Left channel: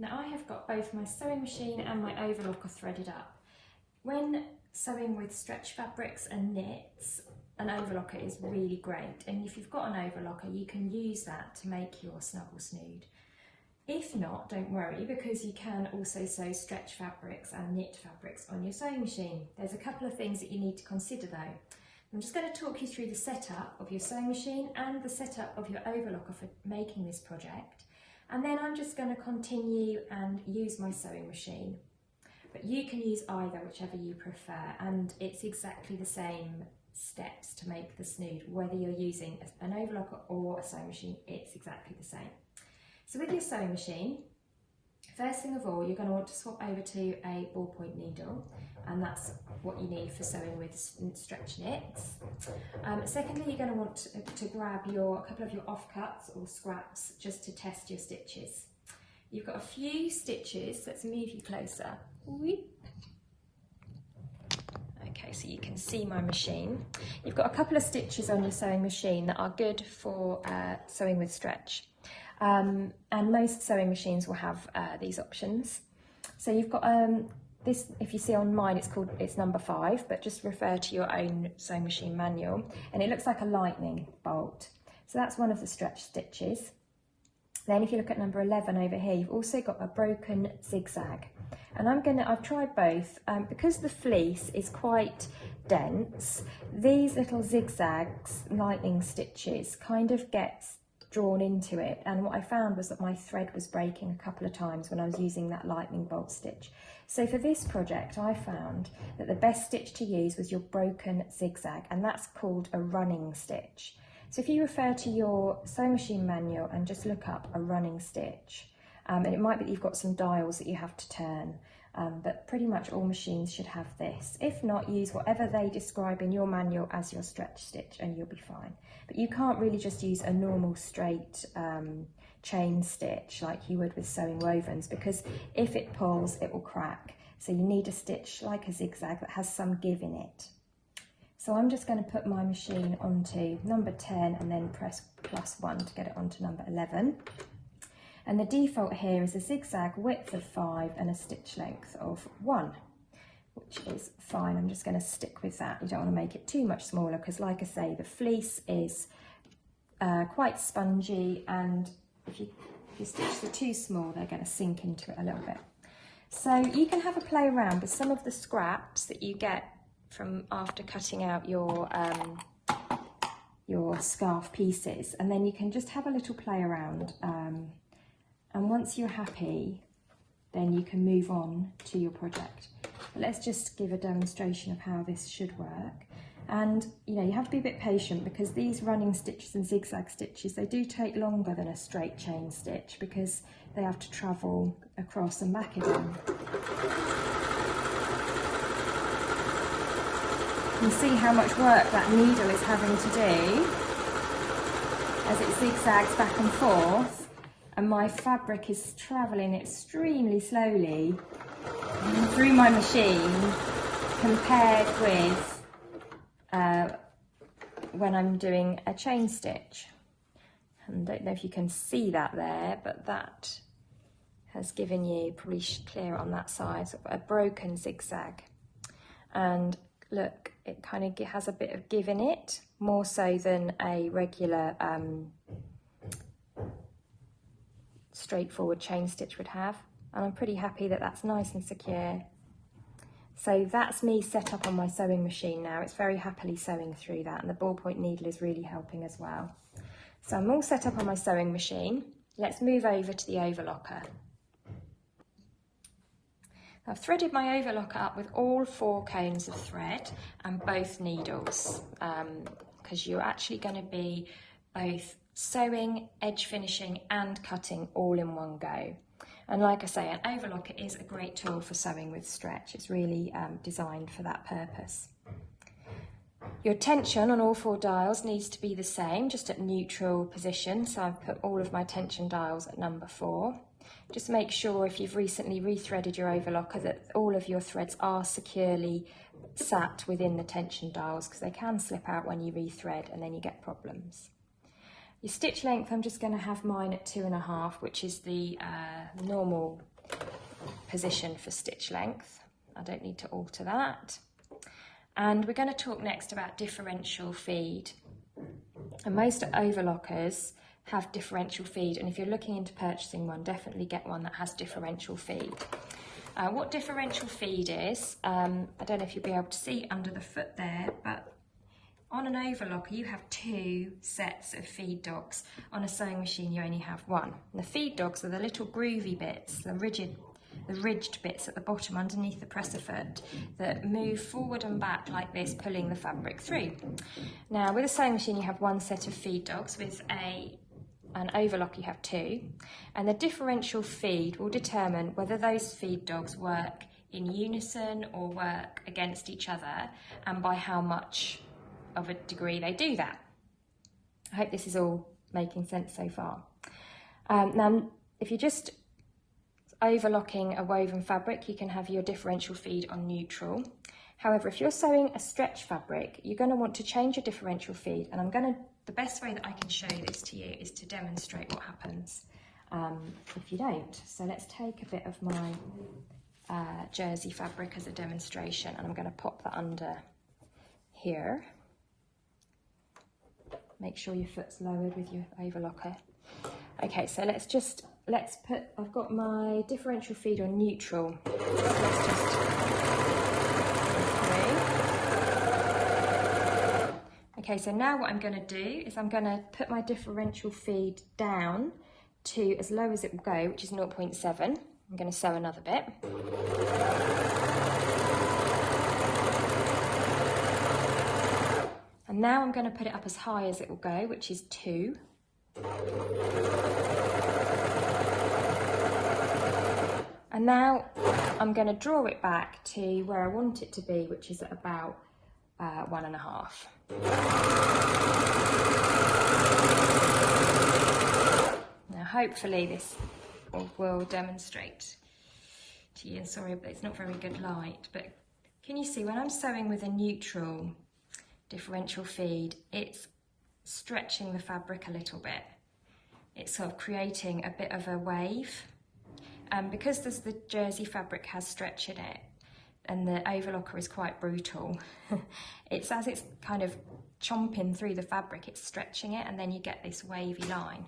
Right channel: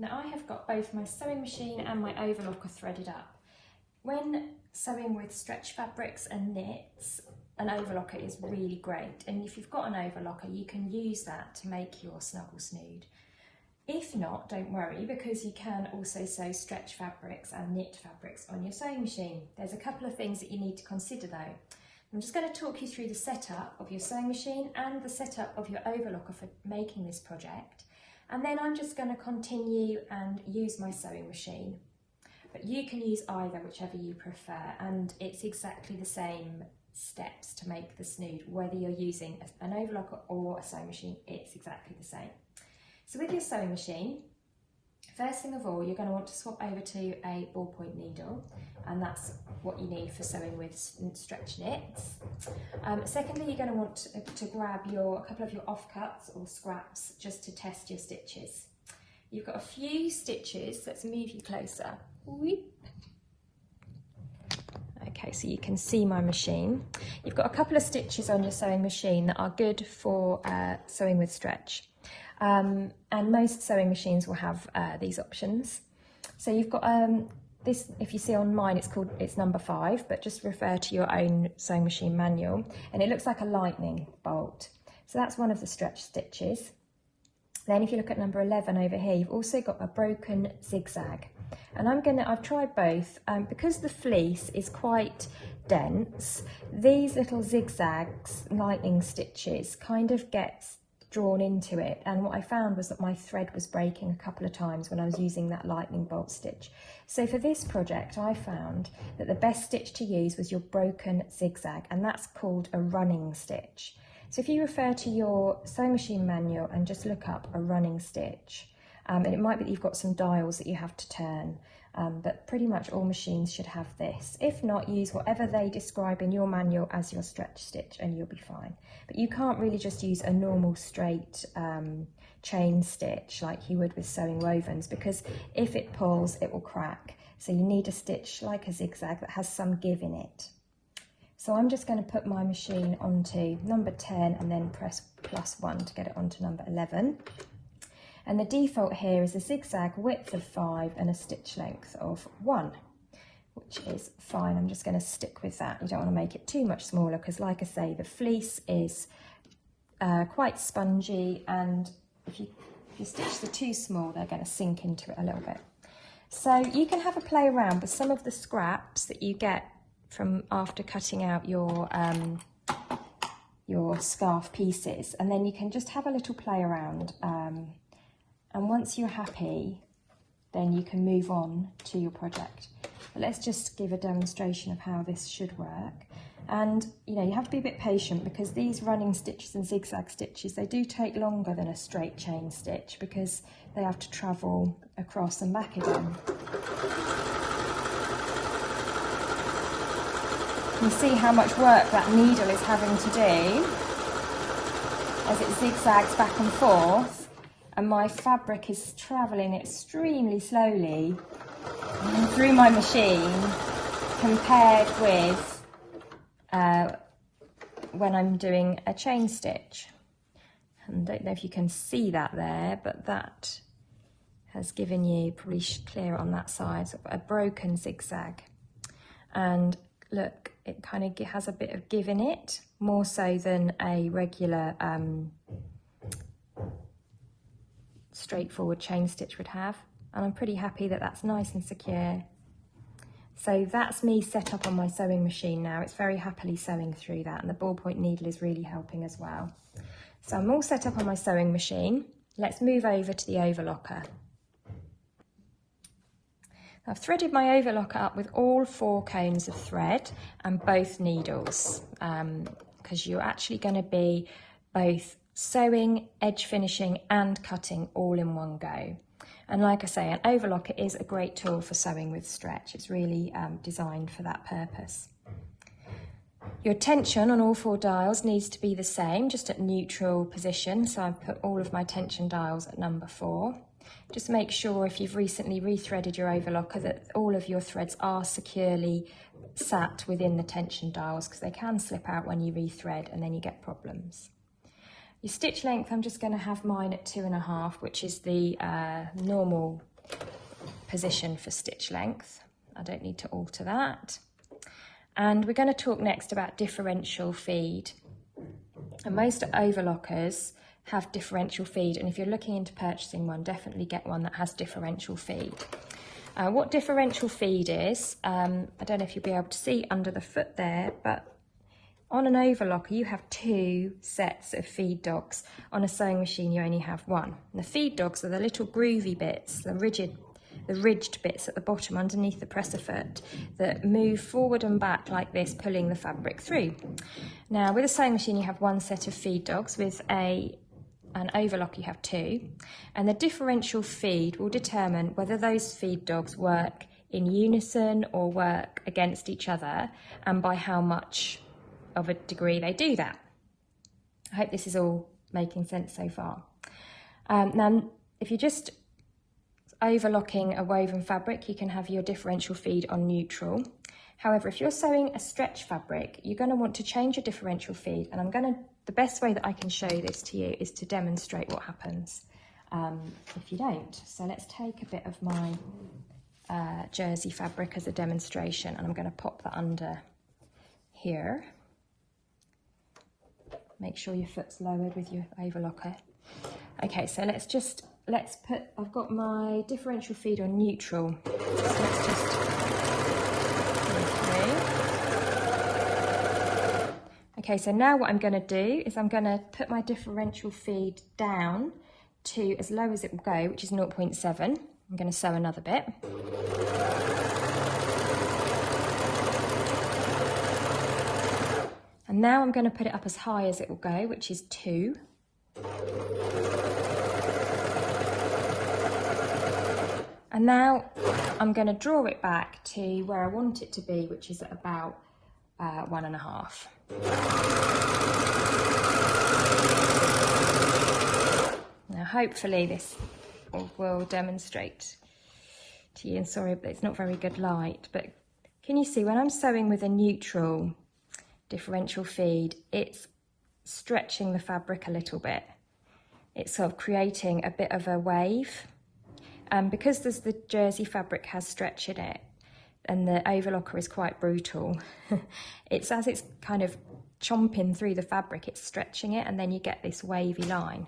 Now I have got both my sewing machine and my overlocker threaded up. When sewing with stretch fabrics and knits, an overlocker is really great, and if you've got an overlocker you can use that to make your Snuggle Snood. If not, don't worry, because you can also sew stretch fabrics and knit fabrics on your sewing machine. There's a couple of things that you need to consider though. I'm just going to talk you through the setup of your sewing machine and the setup of your overlocker for making this project, and then I'm just going to continue and use my sewing machine. But you can use either, whichever you prefer, and it's exactly the same steps to make the snood, whether you're using an overlocker or a sewing machine, it's exactly the same. So with your sewing machine, first thing of all, you're going to want to swap over to a ballpoint needle, and that's what you need for sewing with stretch knits. Secondly, you're going to want to grab a couple of your offcuts or scraps just to test your stitches. You've got a few stitches, let's move you closer. Okay, so you can see my machine. You've got a couple of stitches on your sewing machine that are good for sewing with stretch. And most sewing machines will have these options. So you've got this, if you see on mine, it's number 5, but just refer to your own sewing machine manual. And it looks like a lightning bolt. So that's one of the stretch stitches. Then if you look at number 11 over here, you've also got a broken zigzag. And I've tried both, because the fleece is quite dense, these little zigzags, lightning stitches, kind of get drawn into it, and what I found was that my thread was breaking a couple of times when I was using that lightning bolt stitch. So for this project I found that the best stitch to use was your broken zigzag, and that's called a running stitch. So if you refer to your sewing machine manual and just look up a running stitch, and it might be that you've got some dials that you have to turn, but pretty much all machines should have this. If not, use whatever they describe in your manual as your stretch stitch and you'll be fine. But you can't really just use a normal straight chain stitch like you would with sewing wovens, because if it pulls it will crack. So you need a stitch like a zigzag that has some give in it. So I'm just going to put my machine onto number 10 and then press +1 to get it onto number 11. And the default here is a zigzag width of 5 and a stitch length of 1, which is fine. I'm just going to stick with that. You don't want to make it too much smaller because, like I say, the fleece is quite spongy, and if you stitch them too small, they're going to sink into it a little bit. So you can have a play around with some of the scraps that you get from after cutting out your scarf pieces, and then you can just have a little play around. And once you're happy, then you can move on to your project. But let's just give a demonstration of how this should work. And you have to be a bit patient, because these running stitches and zigzag stitches, they do take longer than a straight chain stitch because they have to travel across and back again. You see how much work that needle is having to do as it zigzags back and forth. And my fabric is travelling extremely slowly through my machine compared with when I'm doing a chain stitch. I don't know if you can see that there, but that has given you pretty clear on that side, so a broken zigzag. And look, it kind of has a bit of give in it, more so than a regular straightforward chain stitch would have, and I'm pretty happy that that's nice and secure. So that's me set up on my sewing machine now. It's very happily sewing through that, and the ballpoint needle is really helping as well. So I'm all set up on my sewing machine. Let's move over to the overlocker. I've threaded my overlocker up with all 4 cones of thread and both needles, because you're actually going to be both sewing, edge finishing and cutting all in one go. And like I say, an overlocker is a great tool for sewing with stretch. It's really designed for that purpose. Your tension on all 4 dials needs to be the same, just at neutral position. So I've put all of my tension dials at number 4. Just make sure, if you've recently rethreaded your overlocker, that all of your threads are securely sat within the tension dials, because they can slip out when you rethread and then you get problems. Your stitch length, I'm just going to have mine at 2.5, which is the normal position for stitch length. I don't need to alter that. And we're going to talk next about differential feed. And most overlockers have differential feed, and if you're looking into purchasing one, definitely get one that has differential feed. Now, what differential feed is, I don't know if you'll be able to see under the foot there, but on an overlocker you have 2 sets of feed dogs. On a sewing machine you only have 1. The feed dogs are the little groovy bits, the ridged bits at the bottom underneath the presser foot that move forward and back like this, pulling the fabric through. Now, with a sewing machine you have 1 set of feed dogs. With an overlocker you have 2, and the differential feed will determine whether those feed dogs work in unison or work against each other, and by how much of a degree they do that. I hope this is all making sense so far. Now, if you're just overlocking a woven fabric, you can have your differential feed on neutral. However, if you're sewing a stretch fabric, you're going to want to change your differential feed, and the best way that I can show this to you is to demonstrate what happens if you don't. So let's take a bit of my jersey fabric as a demonstration. I'm going to pop that under here. Make sure your foot's lowered with your overlocker. Okay, so I've got my differential feed on neutral. Okay, so now what I'm going to do is I'm going to put my differential feed down to as low as it will go, which is 0.7. I'm going to sew another bit. And now I'm going to put it up as high as it will go, which is 2. And now I'm going to draw it back to where I want it to be, which is at about 1.5. Now hopefully this will demonstrate to you. Sorry, but it's not very good light, but can you see when I'm sewing with a neutral differential feed, it's stretching the fabric a little bit. It's sort of creating a bit of a wave. Because the jersey fabric has stretch in it, and the overlocker is quite brutal, it's as it's kind of chomping through the fabric, it's stretching it, and then you get this wavy line.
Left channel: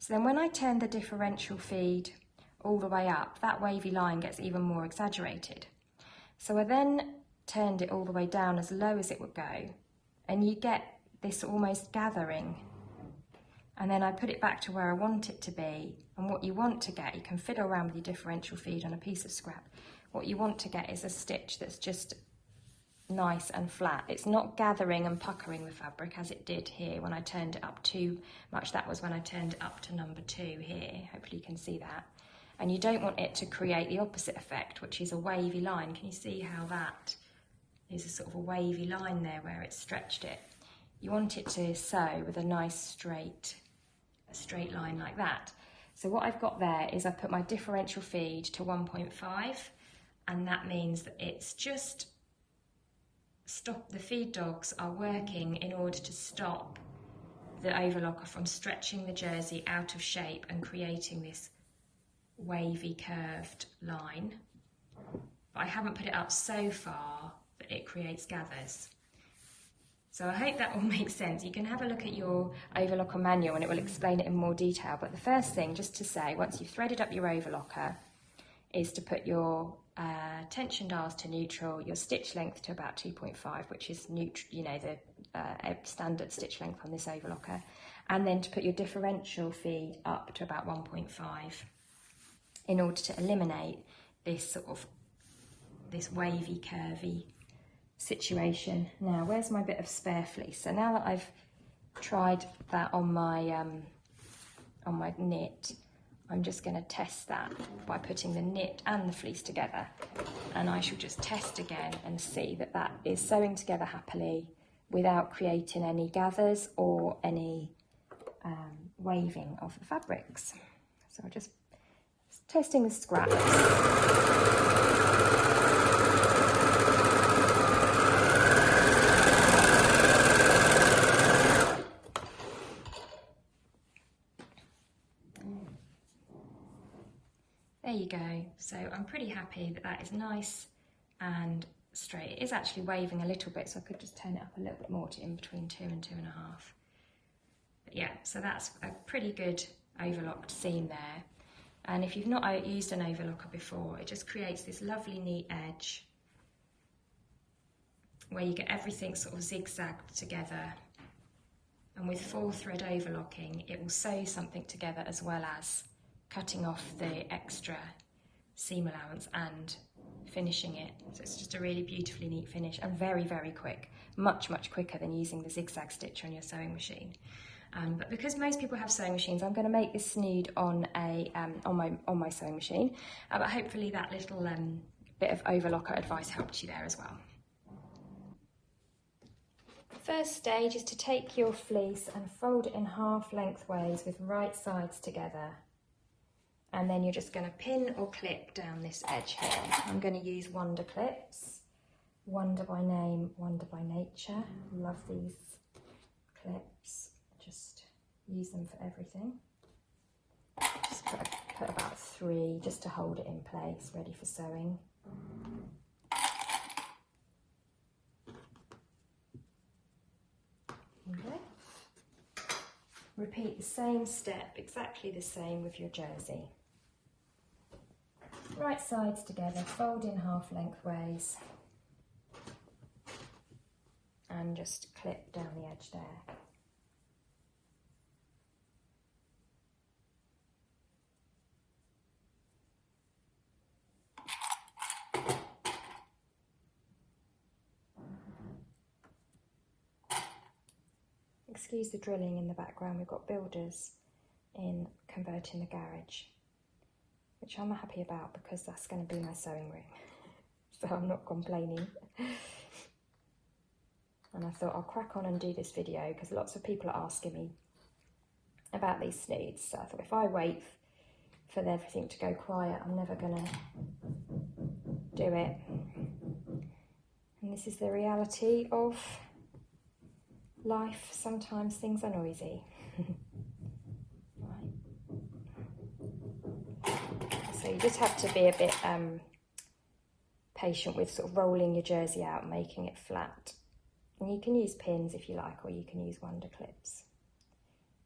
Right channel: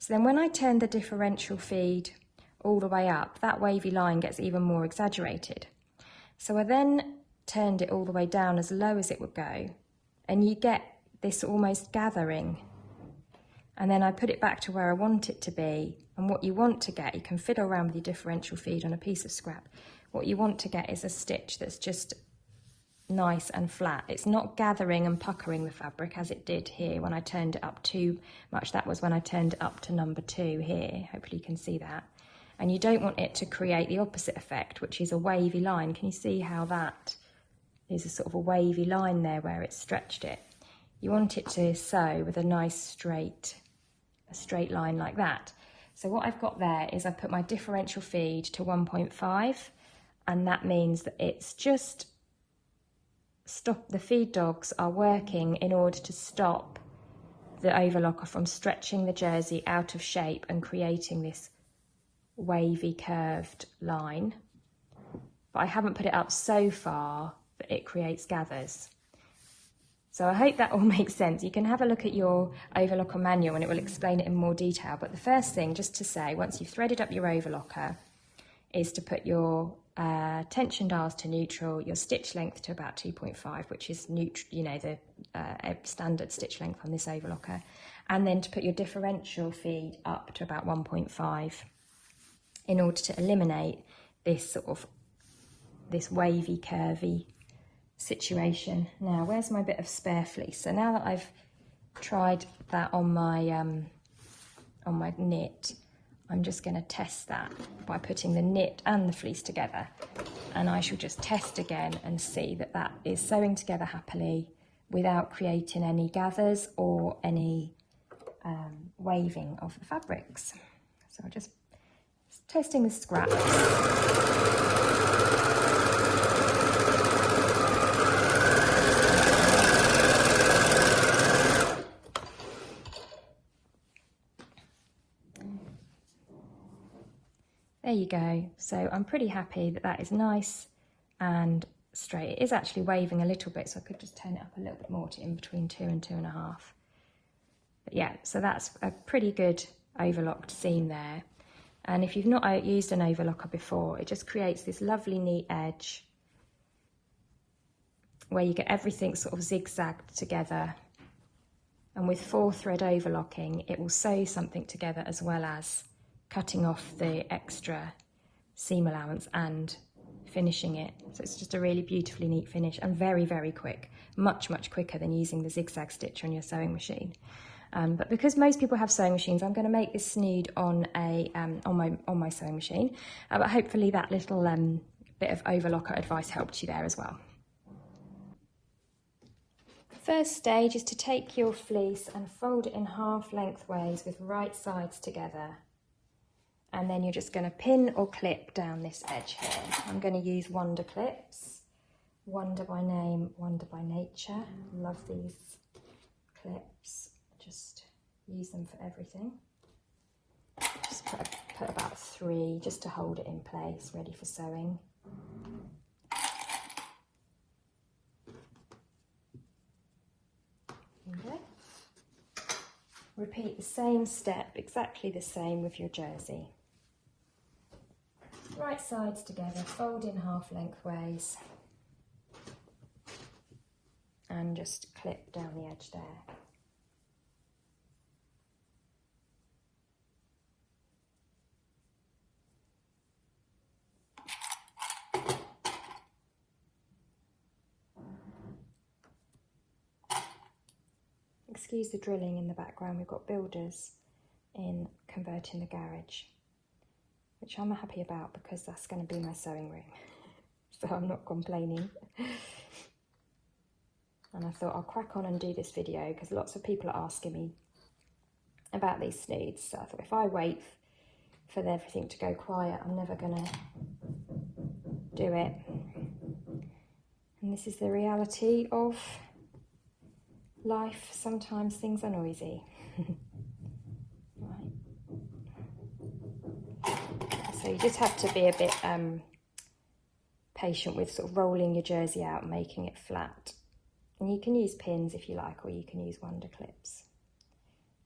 So then when I turn the differential feed all the way up, that wavy line gets even more exaggerated. So I then turned it all the way down as low as it would go, and you get this almost gathering. And then I put it back to where I want it to be, and what you want to get, you can fiddle around with your differential feed on a piece of scrap. What you want to get is a stitch that's just nice and flat. It's not gathering and puckering the fabric as it did here when I turned it up too much. That was when I turned it up to number 2 here. Hopefully you can see that. And you don't want it to create the opposite effect, which is a wavy line. Can you see how that is a sort of a wavy line there where it's stretched it? You want it to sew with a nice straight line like that. So what I've got there is I put my differential feed to 1.5, and that means that it's just the feed dogs are working in order to stop the overlocker from stretching the jersey out of shape and creating this wavy curved line. But I haven't put it up so far that it creates gathers. So I hope that all makes sense. You can have a look at your overlocker manual and it will explain it in more detail. But the first thing, just to say, once you've threaded up your overlocker, is to put your tension dials to neutral, your stitch length to about 2.5, which is neutral, you know, the standard stitch length on this overlocker, and then to put your differential feed up to about 1.5 in order to eliminate this sort of wavy, curvy situation. Now, where's my bit of spare fleece? So now that I've tried that on my knit, I'm just going to test that by putting the knit and the fleece together, and I shall just test again and see that that is sewing together happily without creating any gathers or any waving of the fabrics. So we're just testing the scraps. There you go. So I'm pretty happy that that is nice and straight. It is actually waving a little bit, so I could just turn it up a little bit more to in between 2 and 2.5. But yeah, so that's a pretty good overlocked seam there. And if you've not used an overlocker before, it just creates this lovely neat edge where you get everything sort of zigzagged together. And with 4-thread overlocking, it will sew something together as well as cutting off the extra seam allowance and finishing it. So it's just a really beautifully neat finish and very, very quick, much, much quicker than using the zigzag stitch on your sewing machine. But because most people have sewing machines, I'm going to make this snood on my sewing machine. But hopefully that little bit of overlocker advice helped you there as well. First stage is to take your fleece and fold it in half lengthways with right sides together. And then you're just going to pin or clip down this edge here. I'm going to use Wonder clips. Wonder by name, Wonder by nature. Love these clips. Just use them for everything. Just put about 3 just to hold it in place, ready for sewing. Okay. Repeat the same step, exactly the same with your jersey. Right sides together, fold in half lengthways and just clip down the edge there. Excuse the drilling in the background, we've got builders in converting the garage, which I'm happy about because that's going to be my sewing room, so I'm not complaining. And I thought I'll crack on and do this video because lots of people are asking me about these snoods, so I thought if I wait for everything to go quiet, I'm never going to do it. And this is the reality of life. Sometimes things are noisy. So you just have to be a bit patient with sort of rolling your jersey out and making it flat. And you can use pins if you like, or you can use Wonder clips.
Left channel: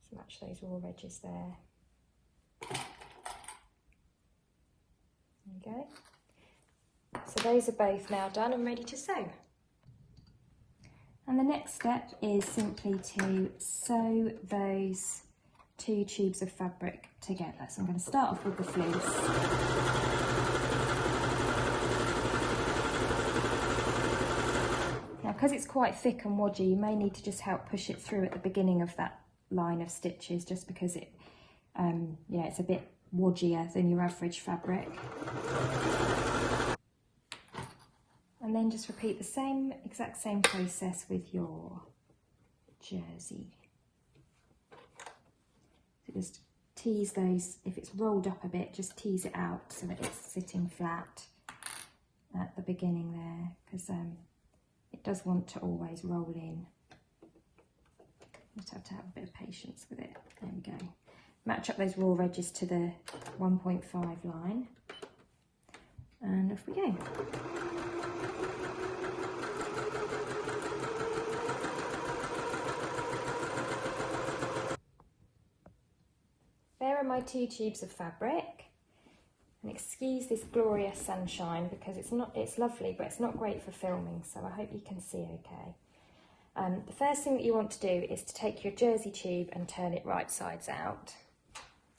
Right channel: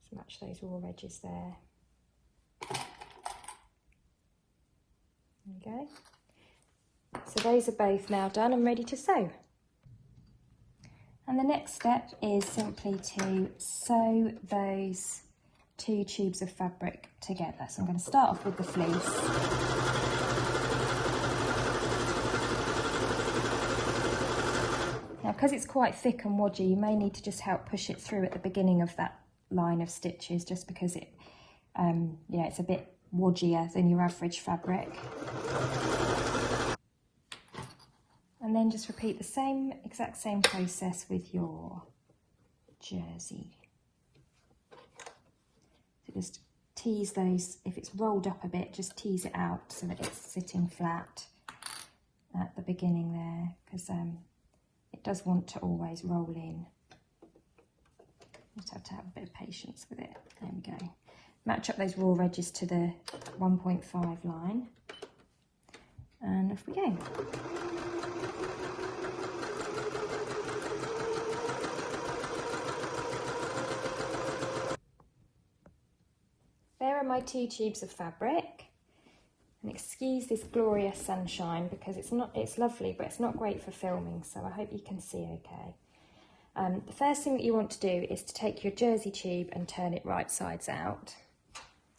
Just match those raw edges there. There you go. So those are both now done and ready to sew. And the next step is simply to sew those 2 tubes of fabric together. So I'm going to start off with the fleece. Now, because it's quite thick and wodgy, you may need to just help push it through at the beginning of that line of stitches, just because it, it's a bit wodgier than your average fabric. And then just repeat the exact same process with your jersey. So just tease those, if it's rolled up a bit, just tease it out so that it's sitting flat at the beginning there, because it does want to always roll in. Just have to have a bit of patience with it. There we go. Match up those raw edges to the 1.5 line. And off we go. There are my 2 tubes of fabric. And excuse this glorious sunshine because it's lovely, but it's not great for filming, so I hope you can see okay. The first thing that you want to do is to take your jersey tube and turn it right sides out.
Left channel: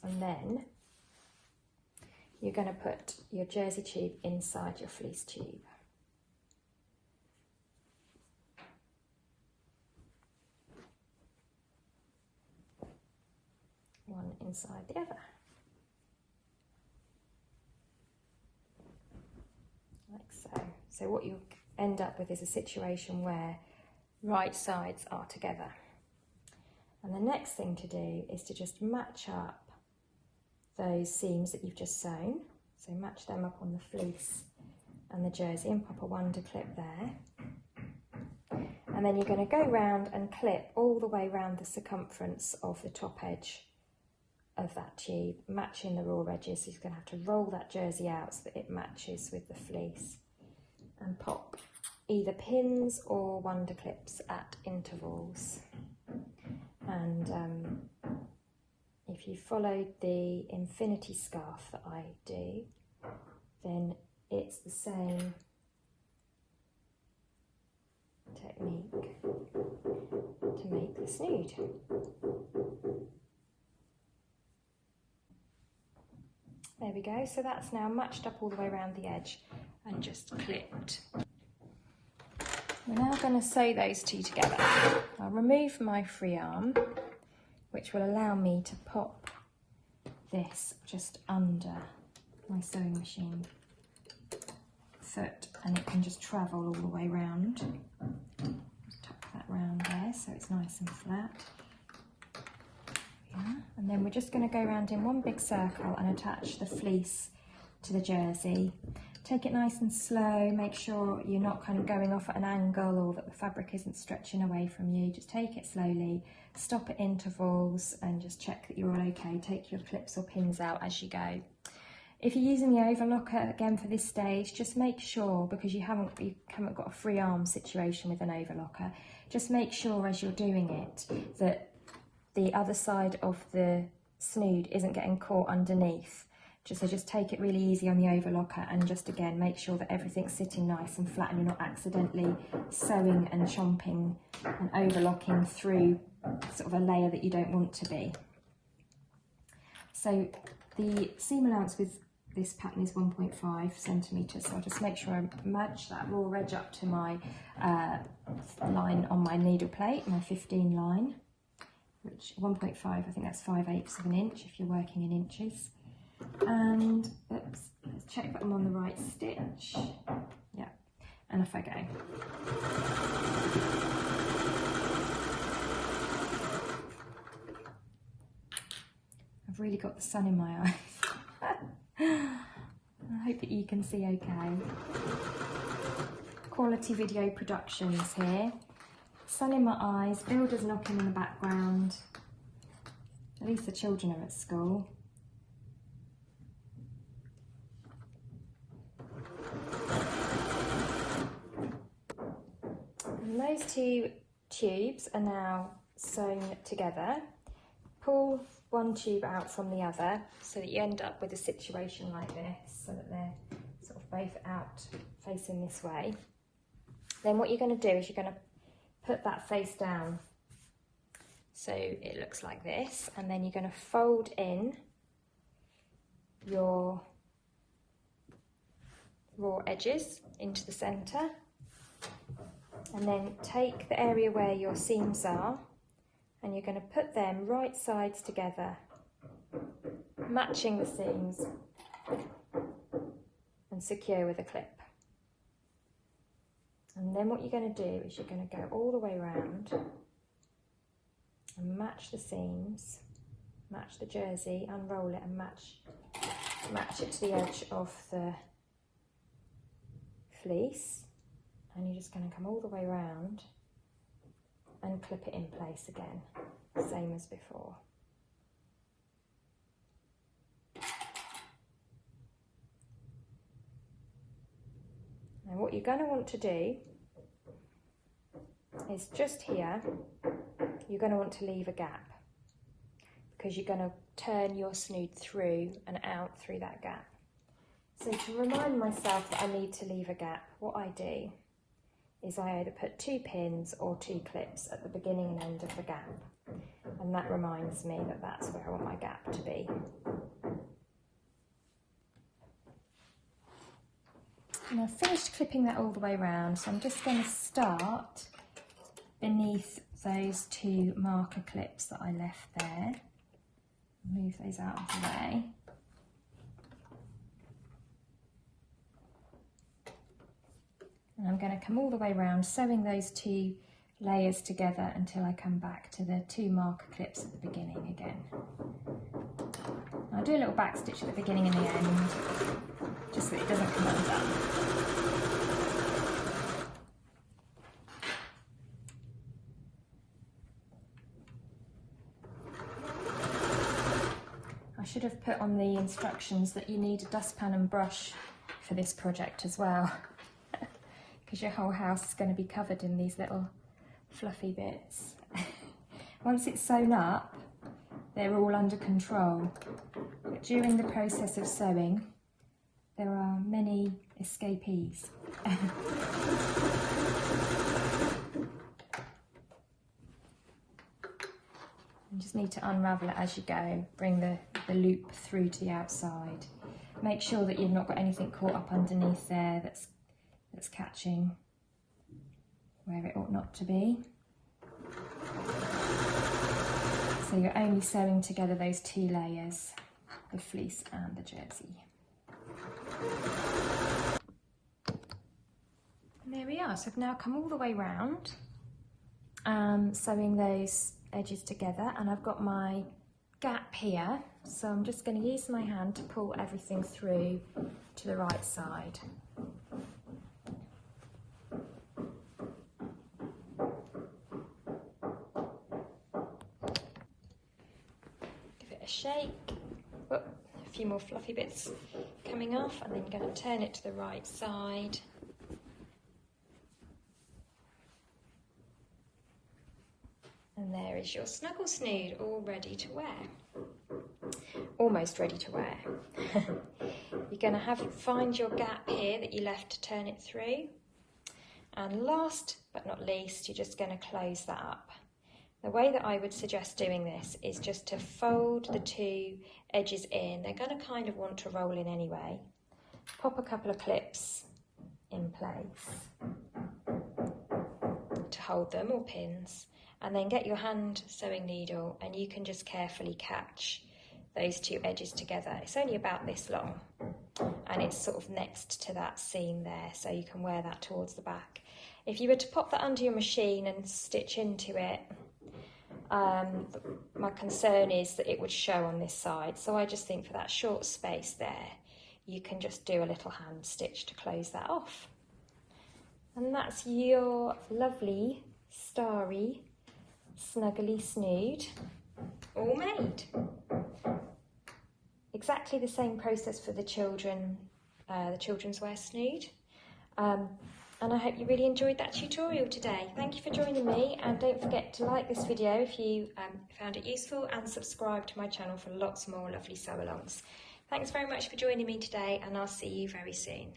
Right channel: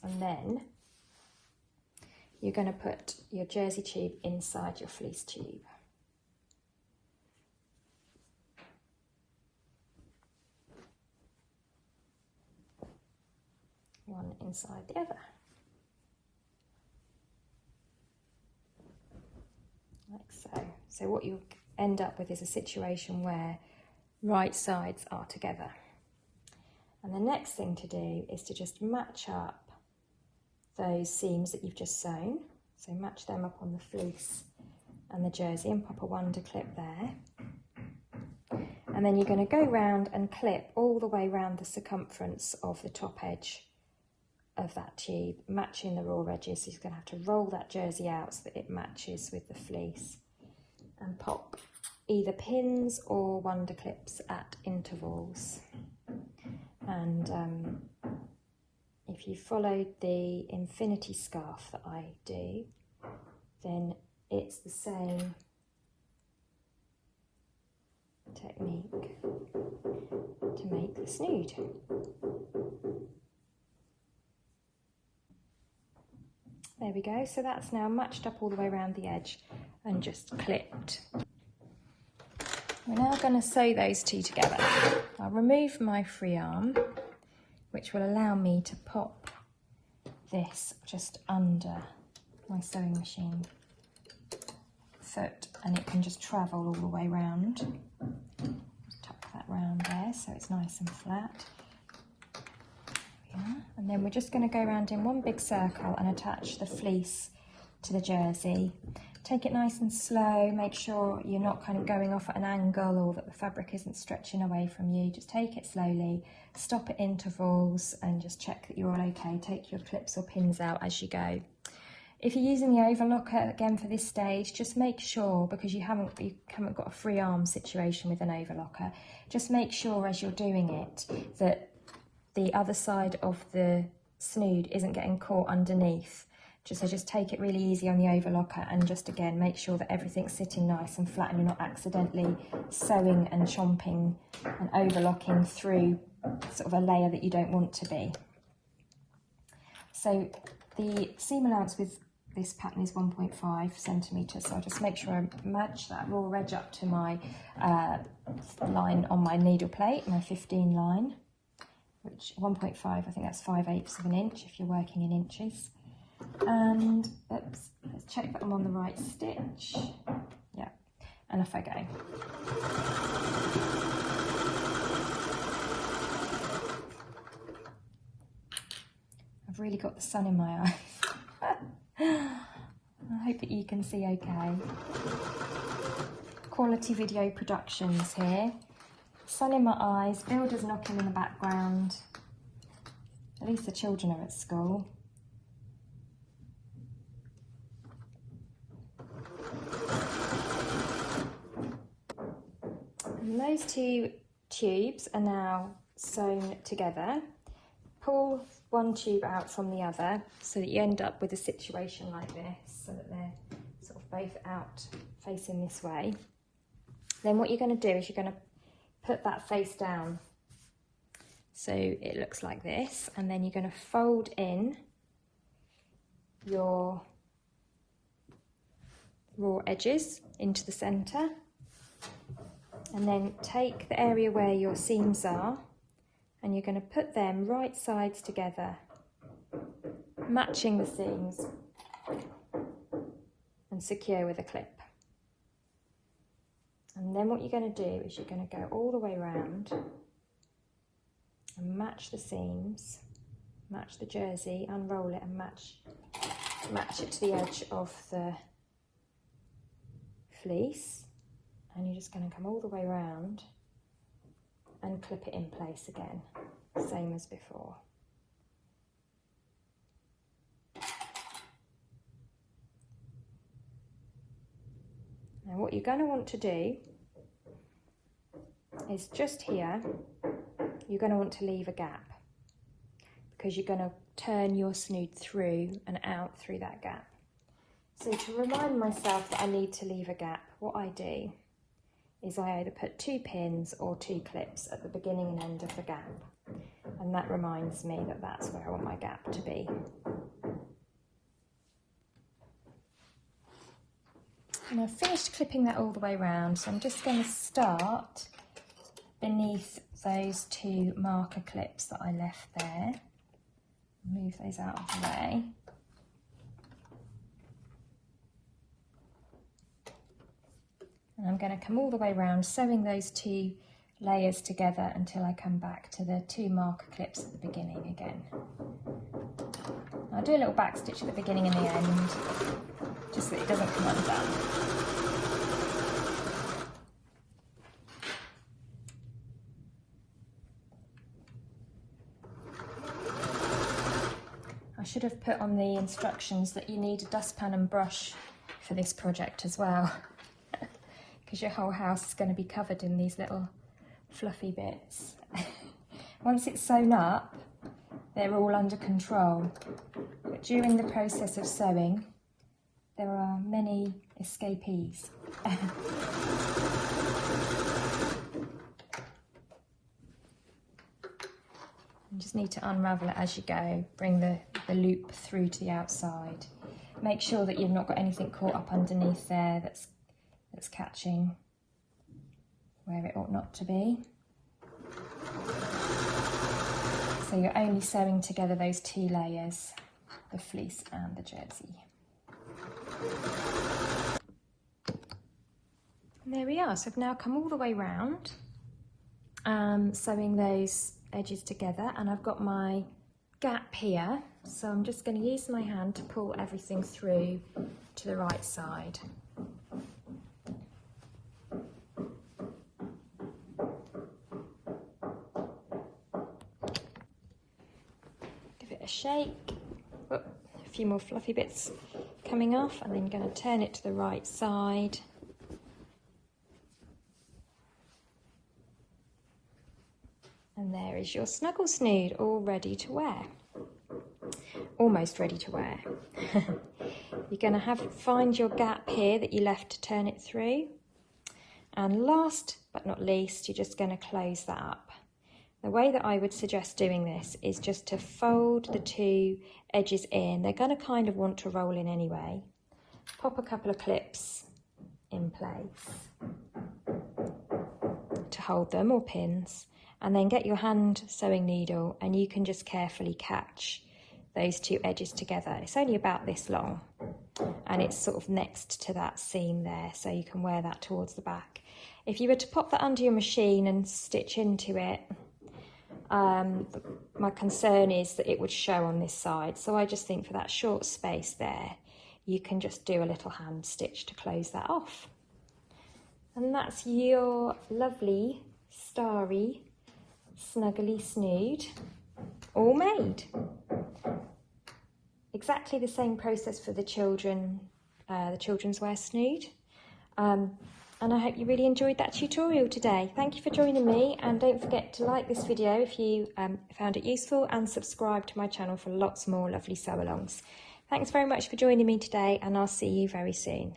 And then you're going to put your jersey tube inside your fleece tube. One inside the other. Like so. So what you end up with is a situation where right sides are together. And the next thing to do is to just match up those seams that you've just sewn. So match them up on the fleece and the jersey and pop a Wonder clip there. And then you're going to go round and clip all the way around the circumference of the top edge of that tube, matching the raw edges. So you're going to have to roll that jersey out so that it matches with the fleece, and pop either pins or wonder clips at intervals. And if you followed the infinity scarf that I do, then it's the same technique to make the snood. There we go, so that's now matched up all the way around the edge and just clipped. We're now going to sew those two together. I'll remove my free arm, which will allow me to pop this just under my sewing machine foot, and it can just travel all the way round. Just tuck that round there so it's nice and flat. And then we're just going to go around in one big circle and attach the fleece to the jersey. Take it nice and slow, make sure you're not kind of going off at an angle or that the fabric isn't stretching away from you. Just take it slowly, stop at intervals and just check that you're all okay. Take your clips or pins out as you go. If you're using the overlocker again for this stage, just make sure, because you haven't got a free arm situation with an overlocker, just make sure as you're doing it that the other side of the snood isn't getting caught underneath. Just take it really easy on the overlocker and just again make sure that everything's sitting nice and flat and you're not accidentally sewing and chomping and overlocking through sort of a layer that you don't want to be. So the seam allowance with this pattern is 1.5 centimetres, so I'll just make sure I match that raw edge up to my line on my needle plate, my 15 line, which 1.5, I think that's 5/8 of an inch if you're working in inches. And let's check that I'm on the right stitch. Yeah, and off I go. I've really got the sun in my eyes. I hope that you can see okay. Quality video productions here. Sun in my eyes, builders knocking in the background. At least the children are at school. And those two tubes are now sewn together. Pull one tube out from the other so that you end up with a situation like this, so that they're sort of both out facing this way. Then what you're going to do is you're going to put that face down so it looks like this, and then you're going to fold in your raw edges into the centre, and then take the area where your seams are and you're going to put them right sides together, matching the seams, and secure with a clip. And then what you're going to do is you're going to go all the way around and match the seams, match the jersey, unroll it and match it to the edge of the fleece, and you're just going to come all the way around and clip it in place again, same as before. Now what you're going to want to do is just here, you're going to want to leave a gap, because you're going to turn your snood through and out through that gap. So to remind myself that I need to leave a gap, what I do is I either put 2 pins or 2 clips at the beginning and end of the gap, and that reminds me that that's where I want my gap to be. And I've finished clipping that all the way around, so I'm just going to start beneath those 2 marker clips that I left there. Move those out of the way. And I'm going to come all the way around, sewing those 2 layers together until I come back to the 2 marker clips at the beginning again. I'll do a little back stitch at the beginning and the end, just so it doesn't come undone. on the instructions that you need a dustpan and brush for this project as well, because your whole house is going to be covered in these little fluffy bits. Once it's sewn up, they're all under control, but during the process of sewing, there are many escapees. You just need to unravel it as you go, bring the loop through to the outside. Make sure that you've not got anything caught up underneath there that's catching where it ought not to be. So you're only sewing together those two layers, the fleece and the jersey. And there we are, so I've now come all the way round, sewing those edges together, and I've got my gap here, so I'm just going to use my hand to pull everything through to the right side. Give it a shake. A few more fluffy bits coming off, and then going to turn it to the right side. And there is your Snuggle Snood, all ready to wear. Almost ready to wear. You're going to find your gap here that you left to turn it through. And last but not least, you're just going to close that up. The way that I would suggest doing this is just to fold the two edges in. They're going to kind of want to roll in anyway. Pop a couple of clips in place to hold them, or pins. And then get your hand sewing needle, and you can just carefully catch those two edges together. It's only about this long, and it's sort of next to that seam there, so you can wear that towards the back. If you were to pop that under your machine and stitch into it, my concern is that it would show on this side, so I just think for that short space there, you can just do a little hand stitch to close that off. And that's your lovely starry Snuggly Snood, all made. Exactly the same process for the children's wear snood. And I hope you really enjoyed that tutorial today. Thank you for joining me, and don't forget to like this video if you found it useful, and subscribe to my channel for lots more lovely sew-alongs. Thanks very much for joining me today, and I'll see you very soon.